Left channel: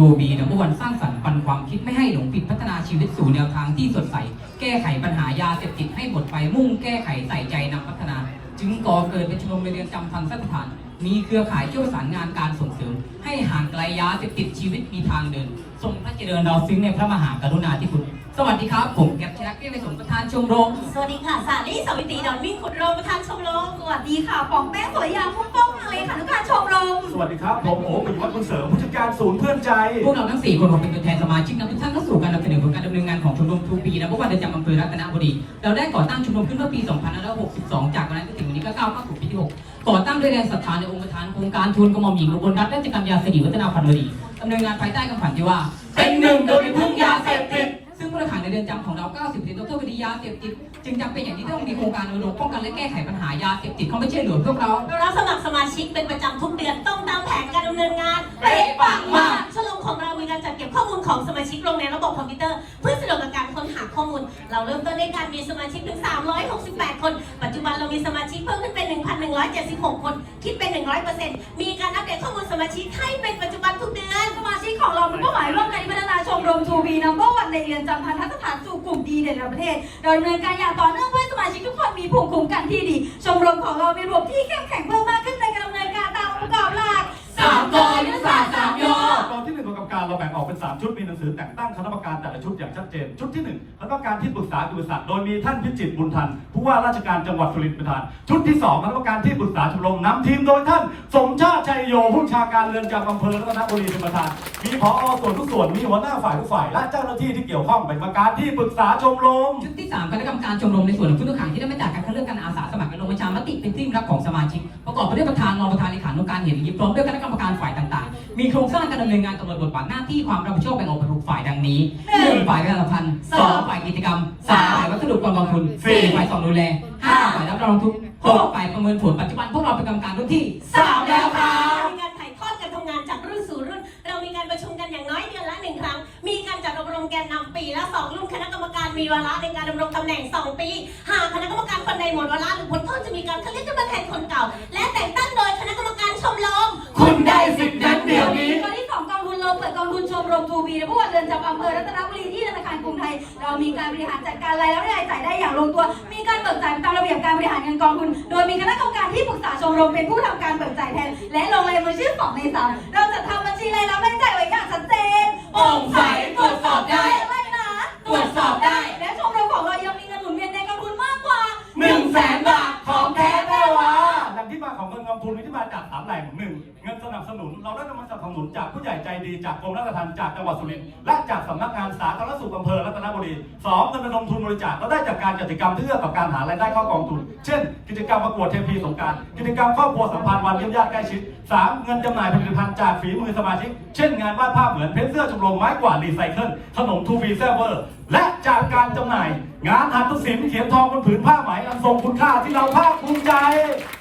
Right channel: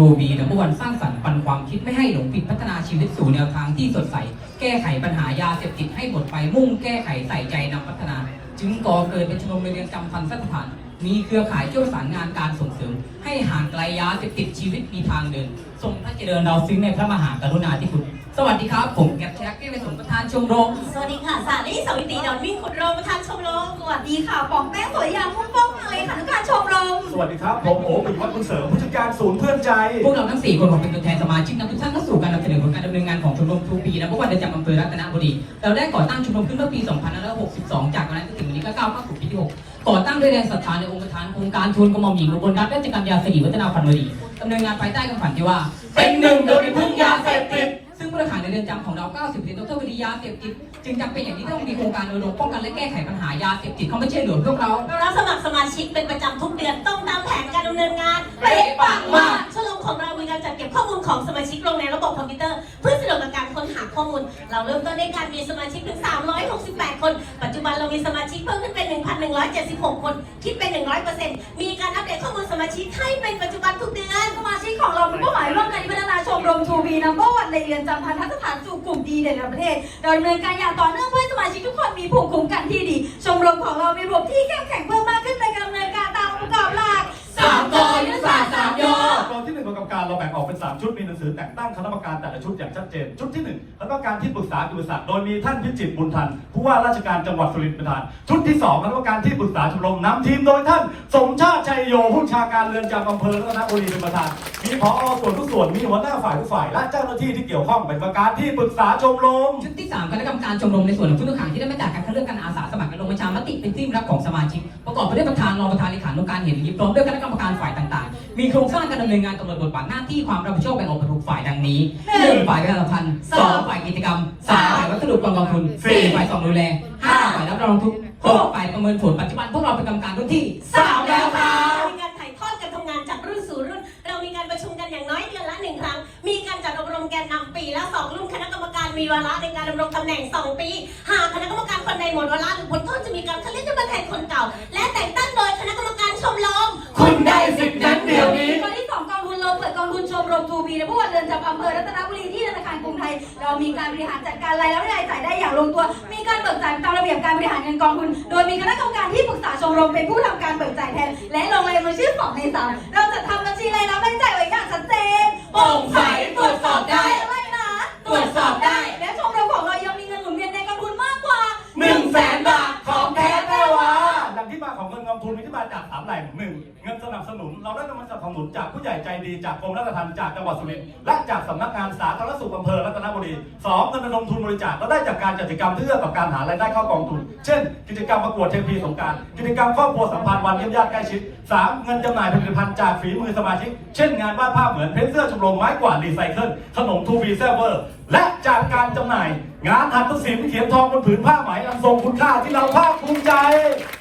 โชว์บีนัมเบอร์วันสร้างสรรค์ปันความคิดไม่ให้หลงผิดพัฒนาชีวิตสู่แนวทางที่สดใส แก้ไขปัญหายาเสพติดให้หมดไปมุ่งแก้ไขใส่ใจนำพัฒนา จึงก่อเกิดเป็นชมรมเรือนจำทันสัตถาน มีเครือข่ายเชี่ยวสารงานการส่งเสริม ให้ห่างไกลยาเสพติดชีวิตมีทางเดิน ทรงพระเจริญเราซึ้งในพระมหากรุณาธิคุณ สวัสดีครับ ผมแกบชนักเก้ไปสมประธานชมรม สวัสดีค่ะ สาลีสวิตรีดอนวิ่งขุดโรมประธานชมรม สวัสดีค่ะปองแป้งสวยยามพุ่งป้องมาเลยค่ะทุกการชมรม สวัสดีครับ ผมโอ๋ปิยวัฒน์คุณเสริมผู้จัดการศูนย์เพื่อนใจ พวกเราทั้ง4คนขอเป็นตัวแทนสมาชิกนำทุกท่านเข้าสู่การนำเสนอผลการดำเนินงานของชมรมทูปีนะเพราะว่าเดินจากอำเภอรัตนบุรี เราได้ก่อตั้งชมรมขึ้นเมื่อปี 2562 จากวันนั้นจนถึงวันนี้ก็ก้าวเข้าสู่ปีที่6ก่อตั้งด้วยแรงศรัทธาในองค์ประธานโครงการทุนกระหม่อมหญิงอุบลรัตน์ราชกัญญาสิริวัฒนาพันวดีดำเนินงานภายใต้คำขวัญที่ว่า เป็นหนึ่งโดยรุ่นยาเสพติดซึ่งผู้ต้อ งขังในเรือนจำของเรา 90ถึงตัวคดียาเสพติดจึงจำเป็นอย่างที่ต้องมีโครงการรณรงค์ป้องกันและแก้ไขปัญหายาเสพติดเขาไม่เช่อเหลือพวกเรา เรารับสมัครสมาชิกเป็นประจำทุกเดือนต้องตามแผนการดำเนินงานเป๊ะปังมากชมรมของเรามีการจัดเก็บข้อมูลของสมาชิกลงในระบบคอมพิวเตอร์ เพื่อสะดวกในการค้นหาข้อมูล เราเริ่มต้นด้วยการมีสมาชิกถึง 368 คน ดีเด่นระดับประเทศเราดำเนินการอย่างต่อเนื่องเพื่อ ตอนที่หนึ่งของกรรมการเราแบ่งออกเป็น 3 ชุดมีหนังสือแต่งตั้งคณะกรรมการแต่ละชุดอย่างชัดเจน ชุดที่1คณะกรรมการที่ปรึกษากิจศาสตร์โดยมีท่านพิจิตรบุญทันผู้ว่าราชการจังหวัดสุรินทร์ประธาน ชุดที่2คณะกรรมการที่ปรึกษาชมรมนำทีมโดยท่าน สมชาติชัยโยผู้ชาการเรือนจำอำเภอรัตนบุรีเป็นประธาน มีผอส่วนทุกส่วนมีหัวหน้าฝ่ายทุกฝ่ายและเจ้าหน้าที่ที่เกี่ยวข้องเป็นกรรมการที่ปรึกษาชมรม ชุดที่3คณะกรรมการชมรมในส่วนของผู้ต้องขังที่ได้มาจากการคัดเลือกการอาสาสมัครและลงประชามติเป็นที่รับของสมาชิกประกอบไปด้วยประธานรองประธานเลขานุการเห็นยิบพร้อมด้วยคณะกรรมการฝ่ายต่างๆ มีโครงสร้างการดำเนินงานกำหนดบทบาทหน้าที่ความรับผิดชอบแบ่งออกเป็นหกฝ่ายดังนี้หนึ่งฝ่ายประชาสัมพันธ์สองฝ่ายกิจกรรมสามฝ่ายวัสดุกองกองทุนสี่ฝ่ายสองดูแลห้าฝ่ายรับรองทุกข์หกฝ่ายประเมินผลปัจจุบันพวกเราเป็นกรรมการรุ่นที่สามแล้วค่ะ จ่ายได้อย่างลงตัว มีการเบิกจ่ายตามระเบียบการบริหารเงินกองทุน โดยมีคณะกรรมการที่ปรึกษาชมรมเป็นผู้ทำการเบิกจ่ายแทน และลงลายมือชื่อสองในสาม ดีจากกรมราชทัณฑ์จากจังหวัดสุรินทร์และจากสำนักงานสาธารณสุขอำเภอรัตนบุรีสองเงินระดมทุนบริจาคเราได้จากการจัดกิจกรรมเพื่อต่อการหารายได้เข้ากองทุน เช่น กิจกรรมประกวดเทพีสงการกิจกรรมครอบครัวสัมพันธ์วันเยี่ยมญาติใกล้ชิดสามเงินจำหน่ายผลิตภัณฑ์จากฝีมือสมาชิก เช่น งานวาดภาพเหมือนเพชรเสื้อชมรมไม้กวาดรีไซเคิลขนมทูฟีเซเวอร์ และจากการจำหน่าย งานหัตถศิลป์เขียนทองบนผืนผ้าไหมอันทรงคุณค่าที่เราภาคภูมิใจ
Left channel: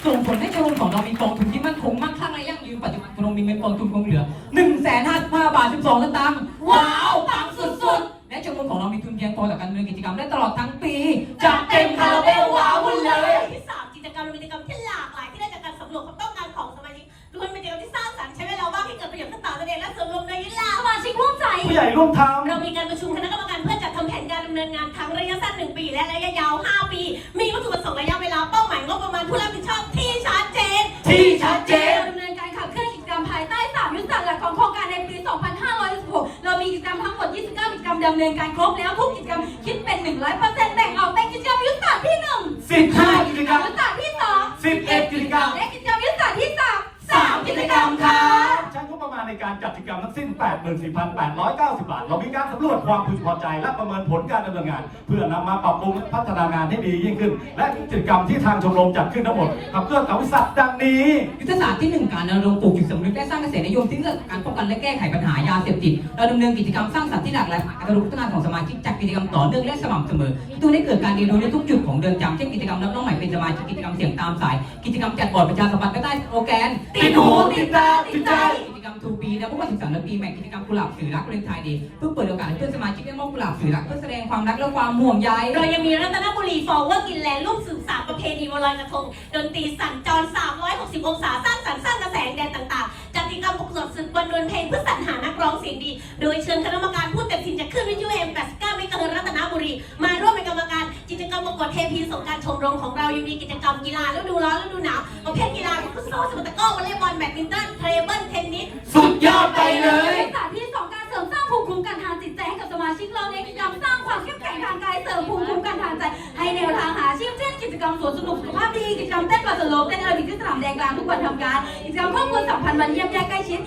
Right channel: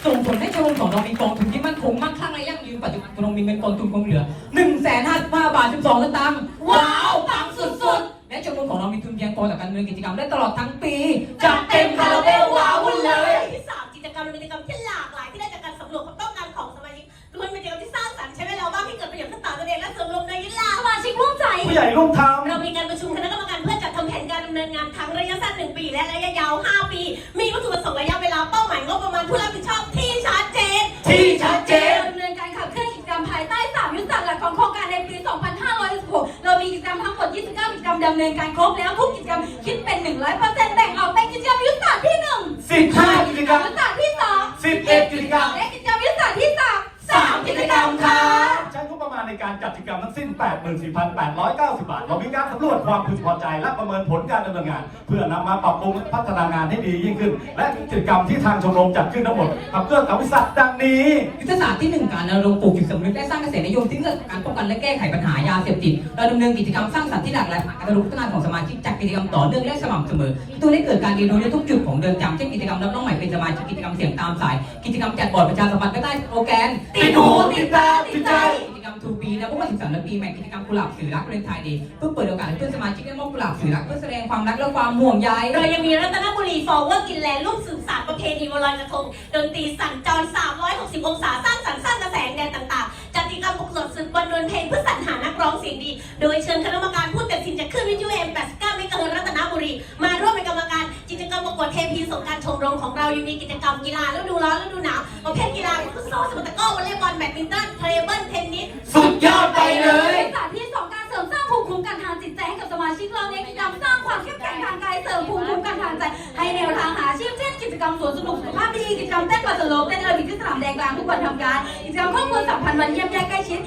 ส่งผลให้ชมรมของเรามีกองทุนที่มั่นคงมั่งคั่งและยั่งยืนปัจจุบันชมรมมีเงินกองทุนคงเหลือ1นึ่งแสนห้าสิบห้าบาทสิบสองสตางค์ว้าวปังสุดๆ และชมรมของเรามีทุนเพียงพอต่อการดำเนินกิจกรรมได้ตลอดทั้งปีจัดเต็มคาราเบลว้าวุ่นเลย ที่สามกิจกรรมเป็นกิจกรรมที่ำเนินการครบแล้วทุก 84,890 บาท เรามีการสำรวจความพึงพอใจ และประเมินผลการดำเนินงาน เพื่อนำมาปรับปรุงพัฒนางานให้ดียิ่งขึ้น และกิจกรรมที่ทางชมรมจัดขึ้นทั้งหมดขับเคลื่อนกับวิสัทดังนี้ ยุทธศาสตร์ที่หนึ่งการดำรงปลูกจิตสำนึกและสร้างกระแสนิยมที่เกิดจาการป้องกันและแก้ไขปัญหายาเสพติดเราดำเนินกิจกรรมสร้างสรรค์ที่หลากหลายผ่านการรู้พัฒนาของสมาชิกจากกิจกรรมต่อเนื่องและสม่ำเสมอที่ตัวได้เกิดการเรียนรู้ในทุกจุดของเดินจำเช่นกิจกรรมรับน้องใหม่เป็นสมาชิกกิจกรรมเสียงตามสาย กิจกรรมแจกบอร์ดประชาสัมพันธ์ใต้สโลแกนติดหูติดตาติดใจ กิจกรรมรมทูปีและว่า13ปีใหม่กิจกรรมกุหลาบสื่อรักเรนไทยดีเพื่อเปิดโอกาสให้เพื่อนสมาชิกได้มอบกุหลาบสื่อรักเพื่อแสดงความรักและความห่วงใย โดยยังมีรัตนบุรีฟอร์เวอร์กินแลนด์ร่วมสืบสานีกิจกรรมเต้นกระโดดโลบเต้นเออร์บิกที่สนามแดงกลางทุกวันทำการ กิจกรรมข้อมูลสัมพันธ์วันเยี่ยมญาติใกล้ชิด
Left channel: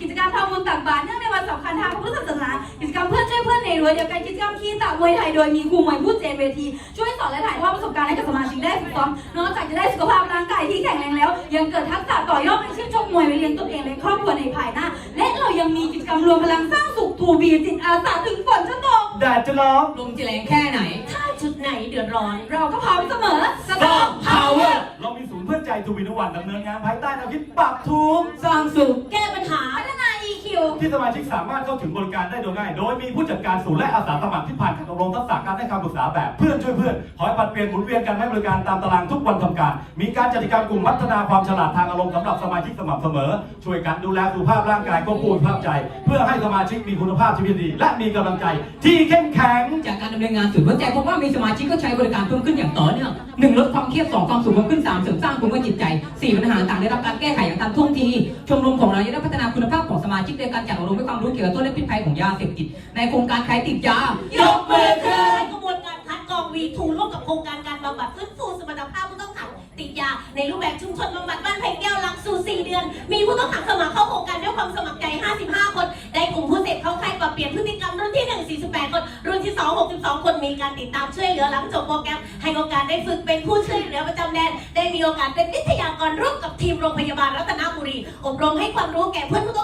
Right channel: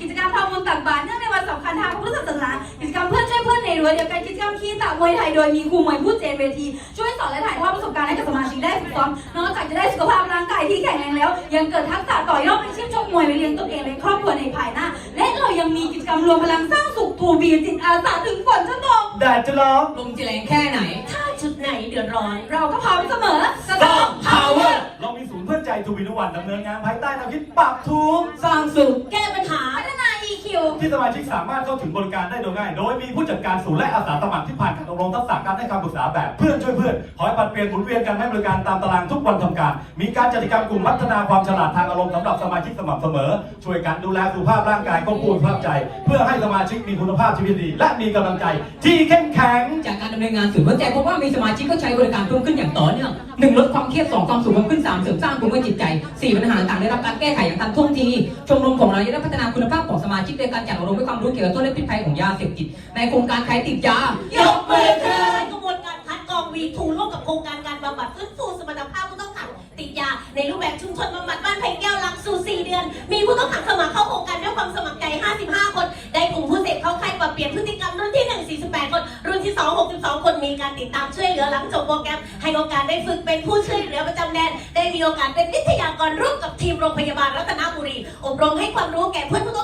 กิจกรรมทำบุญตักบาตรเนื่องในวันสำคัญทางพระพุทธศาสนากิจกรรมเพื่อนช่วยเพื่อนในรั้วเดียวกันกิจกรรมคีต่างมวยไทยโดยมีครูมวยผู้เจนเวทีช่วยสอนและถ่ายทอดประสบการณ์ให้กับสมาชิกได้ฝึกซ้อมนอกจากจะได้สุขภาพร่างกายที่แข็งแรงแล้ว ยังเกิดทักษะต่อยอดเป็นชื่นชมมวยไปเลี้ยงตัวเองและครอบครัวในภายหน้า และเรายังมีกิจกรรมรวมพลังสร้างสุขทูบีจิตอาสาถึงฝนจะตกแดดจะร้อนลมจะแรงแค่ไหน ถ้าจุดไหนเดือดร้อน เราก็พร้อมเสมอสตอม Power เรามีศูนย์เพื่อนใจทูวินวันดำเนินงานภายใต้แนวคิดปรับทุกข์สร้างสุขแก้ปัญหาพัฒนา EQ ที่สมาชิกสามารถเข้าถึงบริการได้โดยง่าย โดยมีผู้จัดการศูนย์และอาสาสมัครที่ผ่านการอบรมทักษะการให้คำปรึกษาแบบเพื่อนช่วยเพื่อนคอยปัดเปลี่ยนหมุนเวียนกันให้บริการตามตารางทุกวันทำการ มีการจัดกิจกรรมกลุ่มพัฒนาความฉลาดทางอารมณ์สำหรับสมาชิกสม่ำเสมอ ช่วยกันดูแลสุขภาพร่างกายควบคุมสุขภาพใจ เพื่อให้สมาชิกมีคุณภาพชีวิตดีและมีกำลังใจ ที่เข้มแข็งจากการดำเนินงานศูนย์หัวใจพบว่ามีสมาชิกก็ใช้บริการเพิ่มขึ้นอย่างต่อเนื่องหนึ่งลดความเครียดสองความสุขเพิ่มขึ้นสามเสริมสร้างภูมิคุ้มกันจิตใจสี่ปัญหาต่างได้รับการแก้ไขอย่างทันท่วงทีชมรมของเราได้พัฒนาคุณภาพของสมาชิกโดยการจัดอบรมความรู้เกี่ยวกับโทษและพิษภัยของยาเสพติดในโครงการใครติดยายกมือขึ้น กระบวนการคัดกรองวีทูร่วมกับโครงการการบำบัดฟื้นฟูสมรรถภาพผู้ต้องขังติดยา ในรูปแบบชุมชนบำบัดบ้านไผ่แก้วหลักสูตร4เดือน มีผู้ต้องขังสมัครเข้าโครงการด้วยความสมัครใจ 55 คน ได้กลุ่มผู้เสพเข้าค่ายปรับเปลี่ยนพฤติกรรมรุ่นที่ 1 48 คน รุ่นที่ 2 62 คนมีการติดตามช่วยเหลือหลังจบโปรแกรม ให้โอกาสได้ฝึกเป็นผู้ช่วยเหลือประจำแดน ได้มีโอกาสเป็นวิทยากรร่วมกับทีมโรงพยาบาลรัตนบุรีอบรมให้ความรู้แก่เพื่อนผู้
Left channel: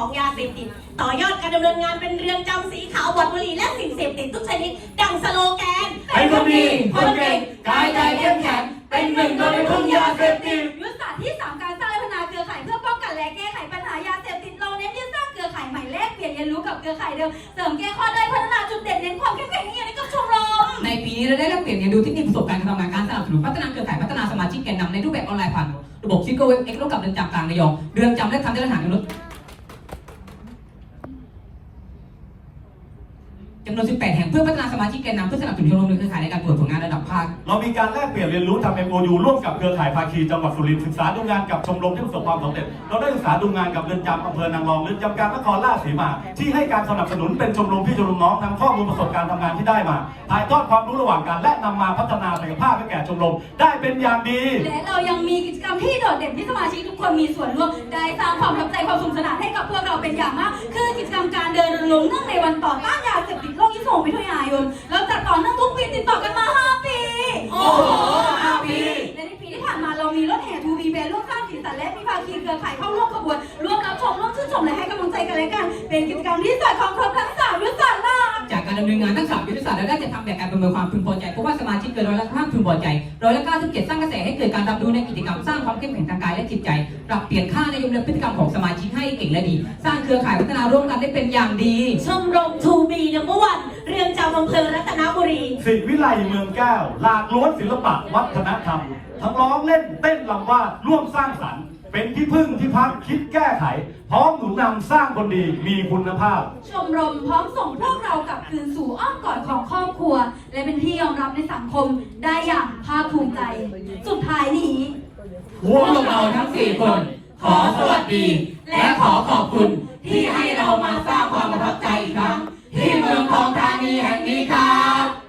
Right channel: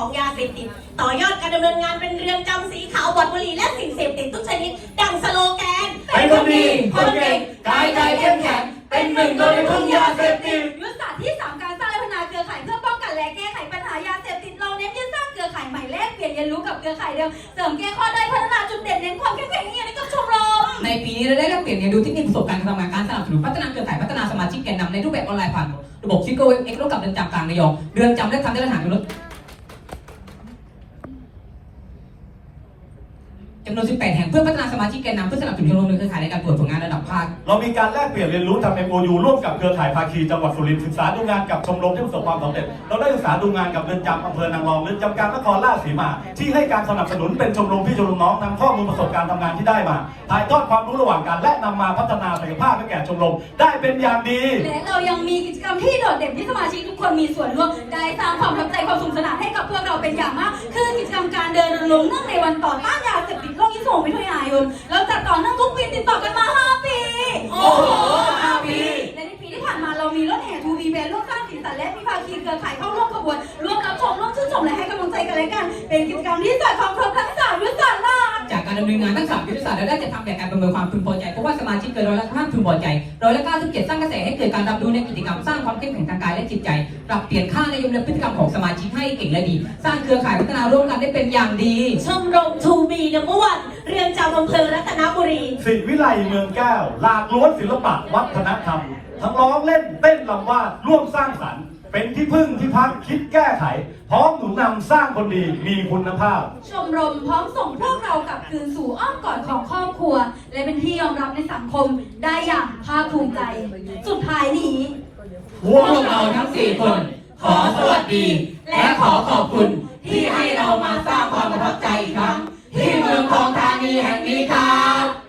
ของยาเสพติดต่อยอดการดำเนินงานเป็นเรือนจำสีขาวบอดบุหรี่และสิ่งเสพติดทุกชนิด ดังสโลแกนเป็นคนดีคนเก่งกายใจเข้มแข็งเป็นหนึ่งโดยไม่พึ่งยาเสพติดยุทธศาสตร์ที่สามการสร้างและพัฒนาเครือข่ายเพื่อป้องกันและแก้ไขปัญหายาเสพติดเราเน้นที่สร้างเครือข่ายใหม่แลกเปลี่ยนเรียนรู้กับเครือข่ายเดิมเสริมแก้ข้อได้พัฒนาจุดเด่นเน้นความเข้มแข็งนี่ให้กับชมรมในปีนี้เราได้แลกเปลี่ยนเรียนรู้เทคนิคประสบการณ์การทำงานการสนับสนุนพัฒนาเครือข่ายพัฒนาสมาชิกแกนนำในรูปแบบออนไลน์ผ่านระบบซิโก้เอ็กซ์ร่วมกับเรือนจำกลางระยองเรือนจำได้ทำได้สถานยนต์จำนวน 18 แห่งเพื่อพัฒนาสมาชิกแกนนำเพื่อสนับสนุนชมรมเครือข่ายในการตรวจผลงานระดับภาค เรามีการแลกเปลี่ยนเรียนรู้ทำ MOU ร่วมกับเครือข่ายภาคีจังหวัดสุรินทร์ศึกษาดูงานกับชมรมที่ประสบความสำเร็จ เราได้ศึกษาดูงานกับเรือนจำอำเภอนางรองเรือนจำกลางนครราชสีมา ที่ให้การสนับสนุนเป็นชมรมพี่ชมรมน้องนำข้อมูลประสบการณ์ทำงานที่ได้มาถ่ายทอดความรู้ระหว่างกันและนำมาพัฒนาศักยภาพให้แก่ชมรมได้เป็นอย่างดี และเรายังมีกิจกรรมที่โดดเด่นที่สมาชิกทุกคนมีส่วนร่วมได้สร้างความ เป็นกิจกรรมที่สอดคล้องครบทั้งสามยุทธศาสตร์มากจากการดำเนินงานทั้งสามยุทธศาสตร์เราได้จะทำแบบการประเมินความพึงพอใจเพราะว่าสมาชิกเกินร้อยละห้าพึงพอใจร้อยละเก้าสิบเจ็ดสร้างกระแสให้เกิดการรับรู้ในกิจกรรมสร้างความเข้มแข็งทางกายและจิตใจปรับเปลี่ยนค่าในยมและพฤติกรรมของสมาชิกให้เก่งและดี สร้างเครือข่ายพัฒนาร่วมกันได้เป็นอย่างดี ชมรมทูบีนัมเบอร์วันเรือนจำอำเภอรัตนบุรีสิวิไลเมืองแก้ว หลากล้วนศิลปะวัฒนธรรม ทั้งร้องเล่นเต้นลำวาดร่วมสร้างสรรค์ เป็นที่พึ่งที่พักคิดแก้ไข พร้อมหนุนนำสร้างคนดีมีคุณภาพ ชมรมพร้อมส่งพวกเรากลับคืนสู่อ้อมกอดของครอบครัว และเป็นที่ยอมรับในสังคมได้อย่างภาคภูมิใจ สุดท้ายนี้ พวกเราทั้งสี่คน ขอสวัสดี และขอขอบคุณ ที่ให้เรามาสร้างความประทับใจอีกครั้งที่เมืองทองธานีแห่งนี้ครับ